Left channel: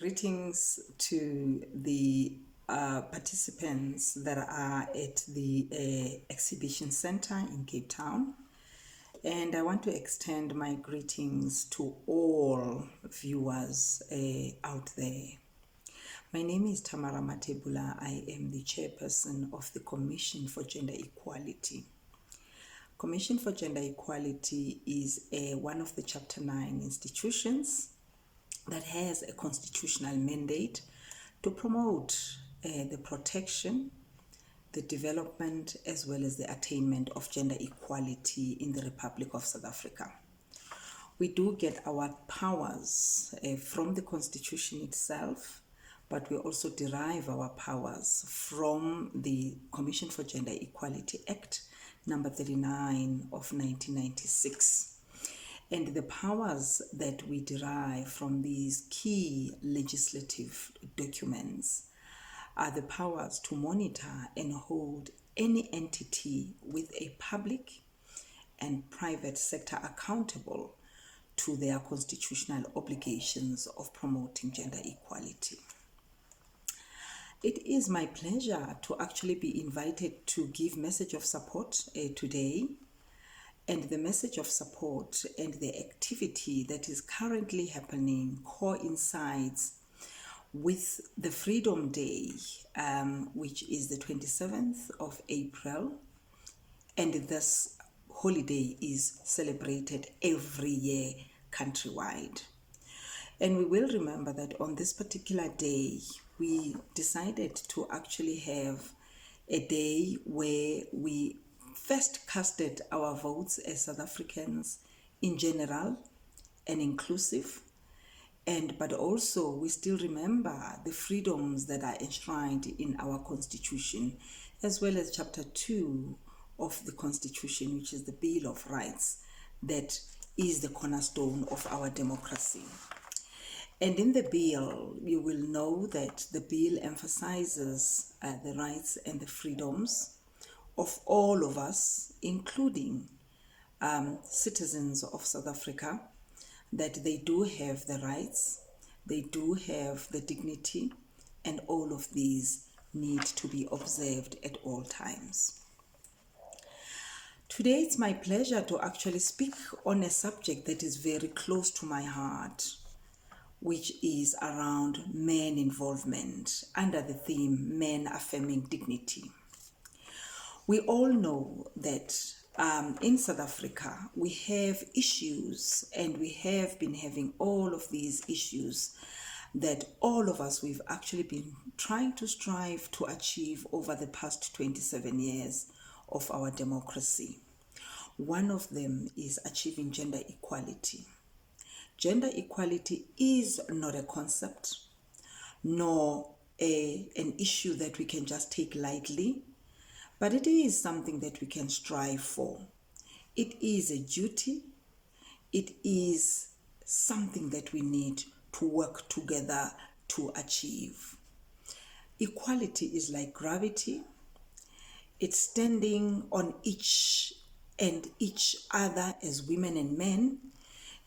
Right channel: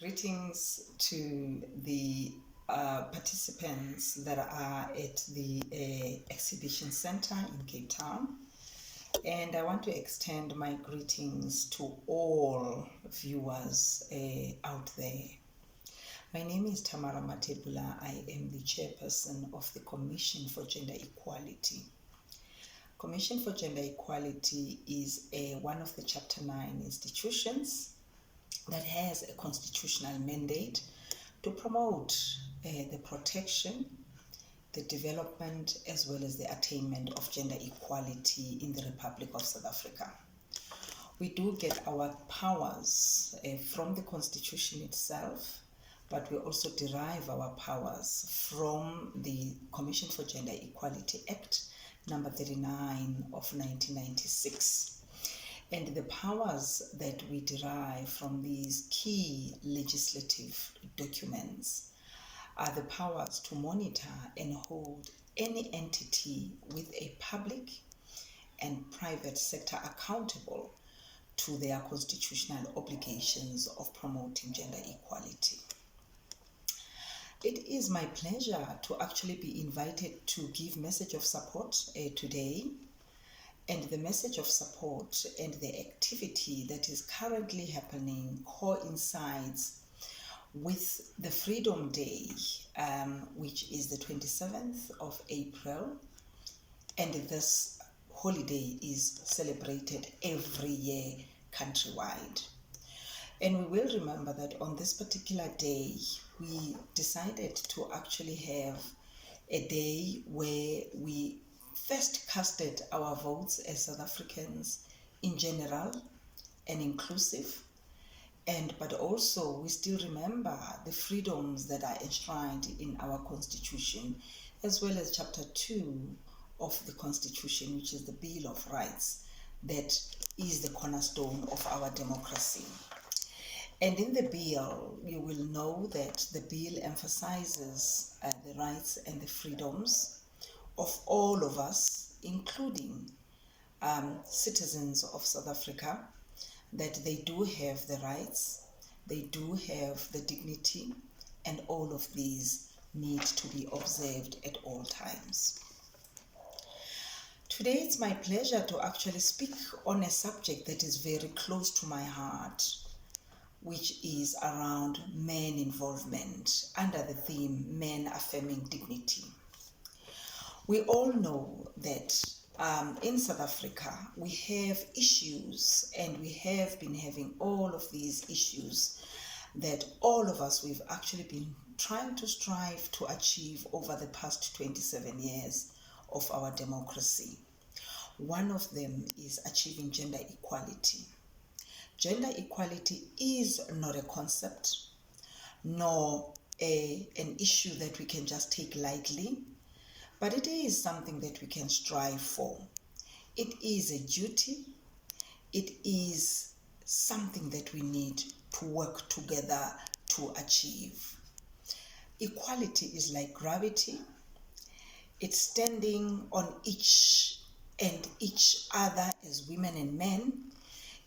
Greetings to the participants that are at the exhibition center in Cape Town. And I want to extend my greetings to all viewers out there. My name is Tamara Mathebula. I am the chairperson of the Commission for Gender Equality. Commission for Gender Equality is one of the Chapter 9 institutions that has a constitutional mandate to promote the protection, the development, as well as the attainment of gender equality in the Republic of South Africa. We do get our powers from the Constitution itself, but we also derive our powers from the Commission for Gender Equality Act, number 39 of 1996. And the powers that we derive from these key legislative documents are the powers to monitor and hold any entity with a public and private sector accountable to their constitutional obligations of promoting gender equality. It is my pleasure to actually be invited to give message of support today. And the message of support and the activity that is currently happening coincides with the Freedom Day, which is the 27th of April. And this holiday is celebrated every year countrywide. And we will remember that on this particular day, we decided to actually have a day where we first casted our votes as South Africans in general and inclusive, but also we still remember the freedoms that are enshrined in our Constitution, as well as Chapter 2 of the Constitution, which is the Bill of Rights, that is the cornerstone of our democracy. And in the bill, you will know that the bill emphasizes the rights and the freedoms of all of us, including citizens of South Africa, that they do have the rights, they do have the dignity, and all of these need to be observed at all times. Today, it's my pleasure to actually speak on a subject that is very close to my heart, which is around men involvement under the theme Men Affirming Dignity. We all know that in South Africa, we have issues, and we have been having all of these issues that all of us, we've actually been trying to strive to achieve over the past 27 years of our democracy. One of them is achieving gender equality. Gender equality is not a concept, nor an issue that we can just take lightly, but it is something that we can strive for. It is a duty. It is something that we need to work together to achieve. Equality is like gravity. It's standing on each other as women and men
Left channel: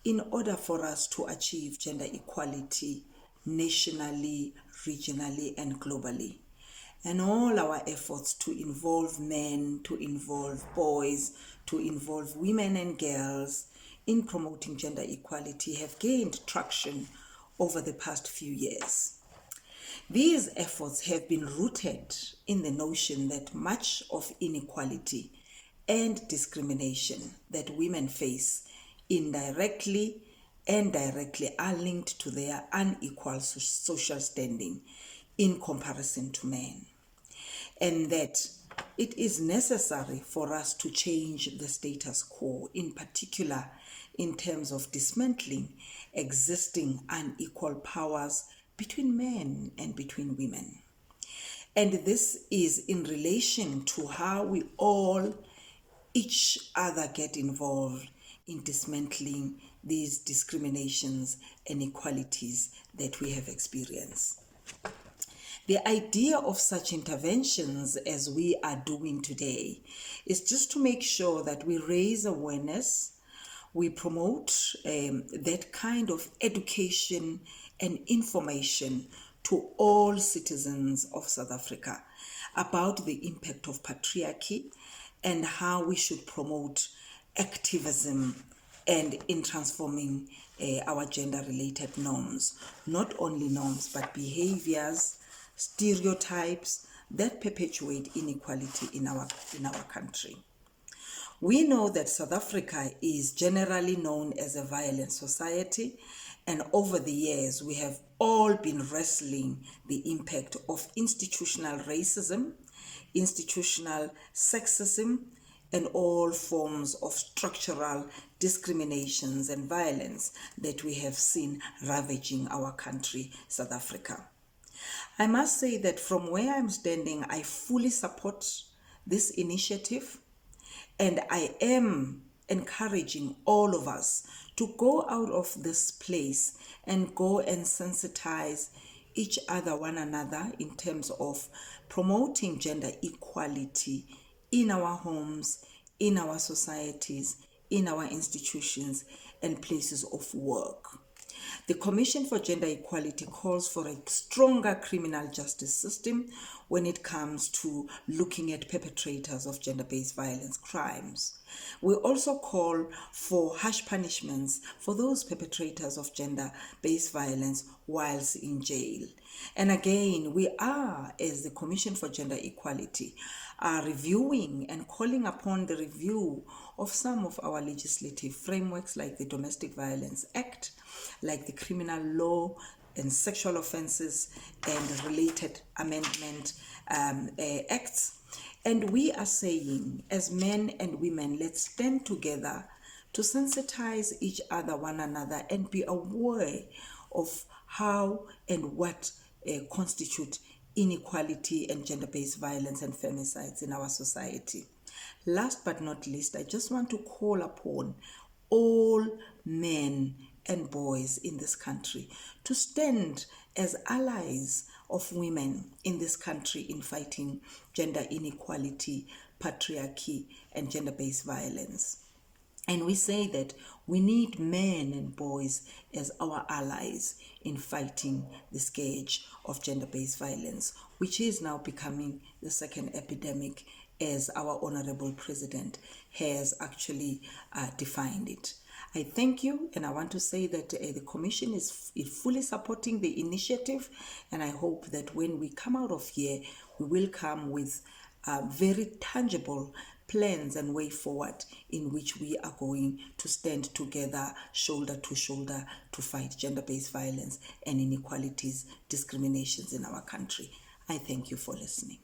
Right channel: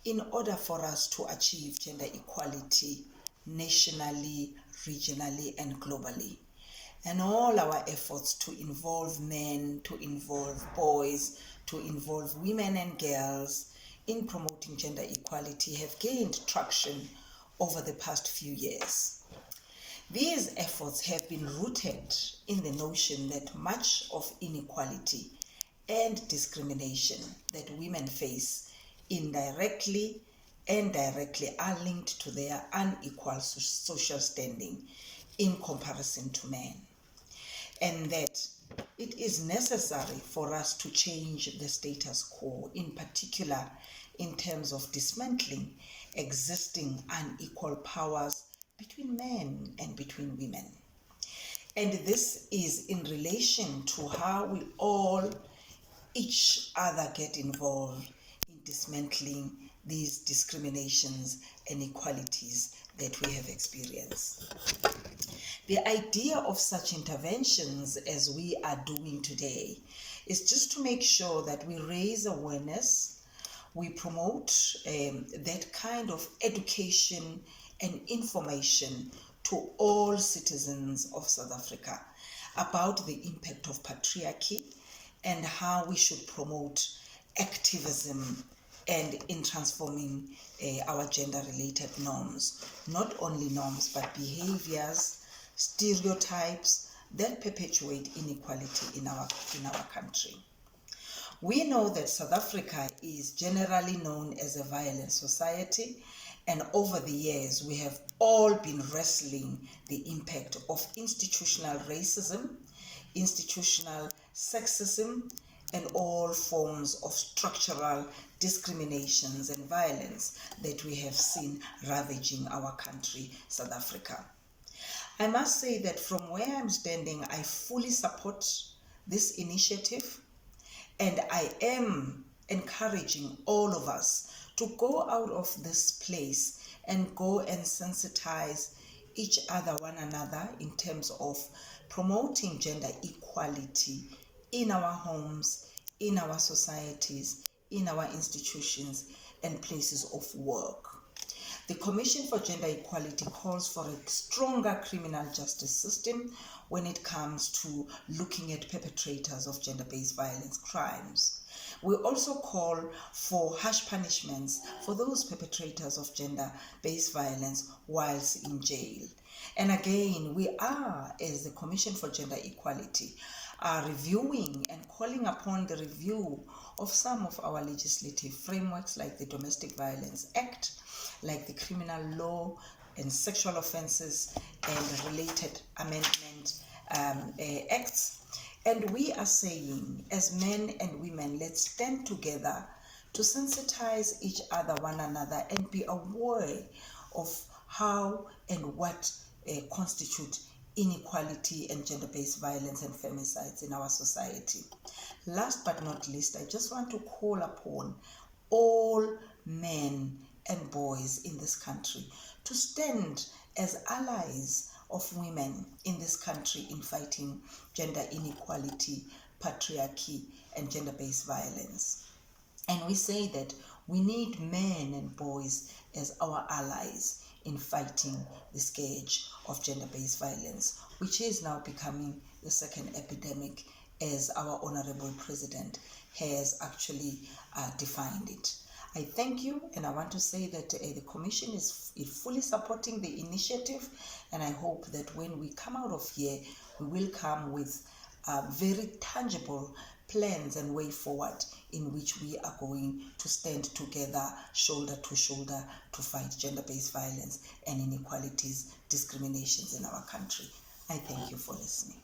in order for us to achieve gender equality nationally, regionally, and globally. And all our efforts to involve men, to involve boys, to involve women and girls in promoting gender equality have gained traction over the past few years. These efforts have been rooted in the notion that much of inequality and discrimination that women face indirectly and directly are linked to their unequal social standing in comparison to men. And that it is necessary for us to change the status quo, in particular in terms of dismantling existing unequal powers between men and between women. And this is in relation to how we all, each other, get involved in dismantling these discriminations and inequalities that we have experienced. The idea of such interventions as we are doing today is just to make sure that we raise awareness, we promote that kind of education and information to all citizens of South Africa about the impact of patriarchy and how we should promote activism and in transforming our gender-related norms. Not only norms, but behaviors, stereotypes that perpetuate inequality in our country. We know that South Africa is generally known as a violent society, and over the years we have all been wrestling the impact of institutional racism, institutional sexism, and all forms of structural discriminations and violence that we have seen ravaging our country, South Africa. I must say that from where I'm standing, I fully support this initiative, and I am encouraging all of us to go out of this place and go and sensitize each other, one another, in terms of promoting gender equality in our homes, in our societies, in our institutions, and places of work. The Commission for Gender Equality calls for a stronger criminal justice system when it comes to looking at perpetrators of gender-based violence crimes. We also call for harsh punishments for those perpetrators of gender-based violence whilst in jail. And again, we are, as the Commission for Gender Equality, are reviewing and calling upon the review of some of our legislative frameworks like the Domestic Violence Act, like the Criminal Law and Sexual Offences and related amendment acts. And we are saying, as men and women, let's stand together to sensitize each other, one another, and be aware of how and what constitute inequality and gender-based violence and femicides in our society. Last but not least, I just want to call upon all men and boys in this country to stand as allies of women in this country in fighting gender inequality, patriarchy, and gender-based violence. And we say that we need men and boys as our allies in fighting the scourge of gender-based violence, which is now becoming the second epidemic, as our Honorable President has actually defined it. I thank you, and I want to say that the Commission is fully supporting the initiative, and I hope that when we come out of here, we will come with very tangible plans and way forward in which we are going to stand together, shoulder to shoulder, to fight gender-based violence and inequalities, discriminations in our country. I thank you for listening.